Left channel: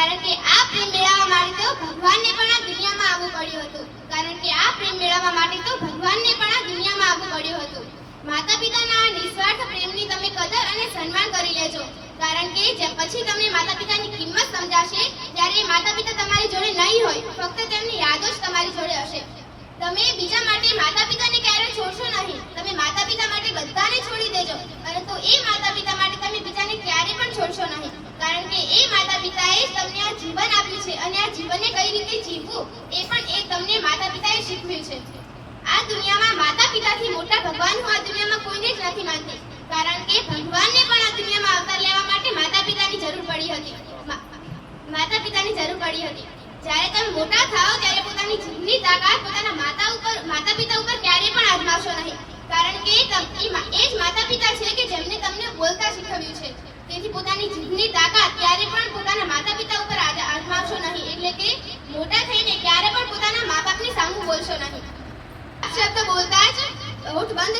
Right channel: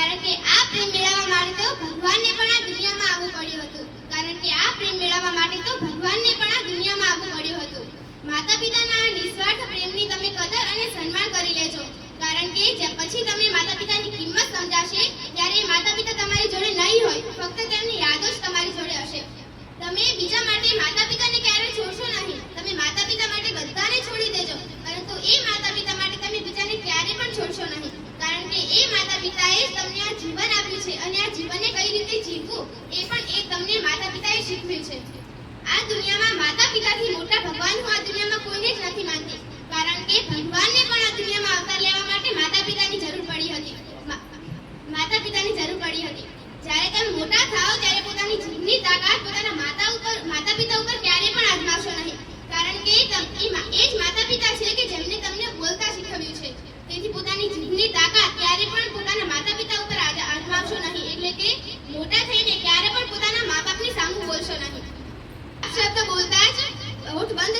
કારણ કે આ પ્રેમ મેળવવા માટે તો ભગવાનને પણ આ દુનિયામાં આવવું પડ્યું હતું. કારણ કે આ પ્રેમ મેળવવા માટે તો ભગવાનને પણ આ દુનિયામાં આવવું પડ્યું હતું. માતા પિતાના નિસ્વાર્થ પ્રેમની તમે કદર અને સન્માન કરી લેજો. કારણ કે પછી તમને માતા પિતાની કિંમત સમજાશે જ્યારે માતા પિતા તમારી જોડે નહીં હોય, ફક્ત તેમની યાદો જ તમારી જોડે હશે. તમે બીજા માટે માતા પિતાને ક્યારેય છોડશો નહીં. તમે માતા પિતા માટે બધાને છોડી દેજો, પરંતુ એ માતા પિતા માટે તમે બીજાને ક્યારે પણ છોડશો નહીં. કારણ કે એ માતા પિતાએ તમને આ જીવન આપ્યું છે અને આ જીવનને કઈ રીતે જીવવું એ પણ તમને માતા પિતાએ શીખવ્યું છે. આ દુનિયામાં માતા પિતાથી મોટા ભગવાન હું આ દુનિયામાં કોઈને જ નથી માનતી. કારણ કે ભગવાનને પણ આ દુનિયામાં અવતાર લેવા માટે માતા પિતાની જરૂર પડી હતી. માતા પિતાની જરૂર પડી હતી. જ્યારે તમે મોટા થાઓ ત્યારે પોતાની જીભની તાકાત પોતાના માતા પિતા ઉપર ક્યારેય પણ આજમાવશો નહીં. કારણ કે એ જ માતા પિતા છે કે જેમને તમને બોલતા શીખવ્યું છે. તેથી પોતાની જીભની તાકાત ક્યારે પણ પોતાના માતા પિતા ઉપર આજમાવશો નહીં. એટલે કે મોટા થઈને ક્યારે પણ પોતાના મા બાપની સામું બોલશો નહીં. શબ્દ બોલતા જ હોઠ બંધ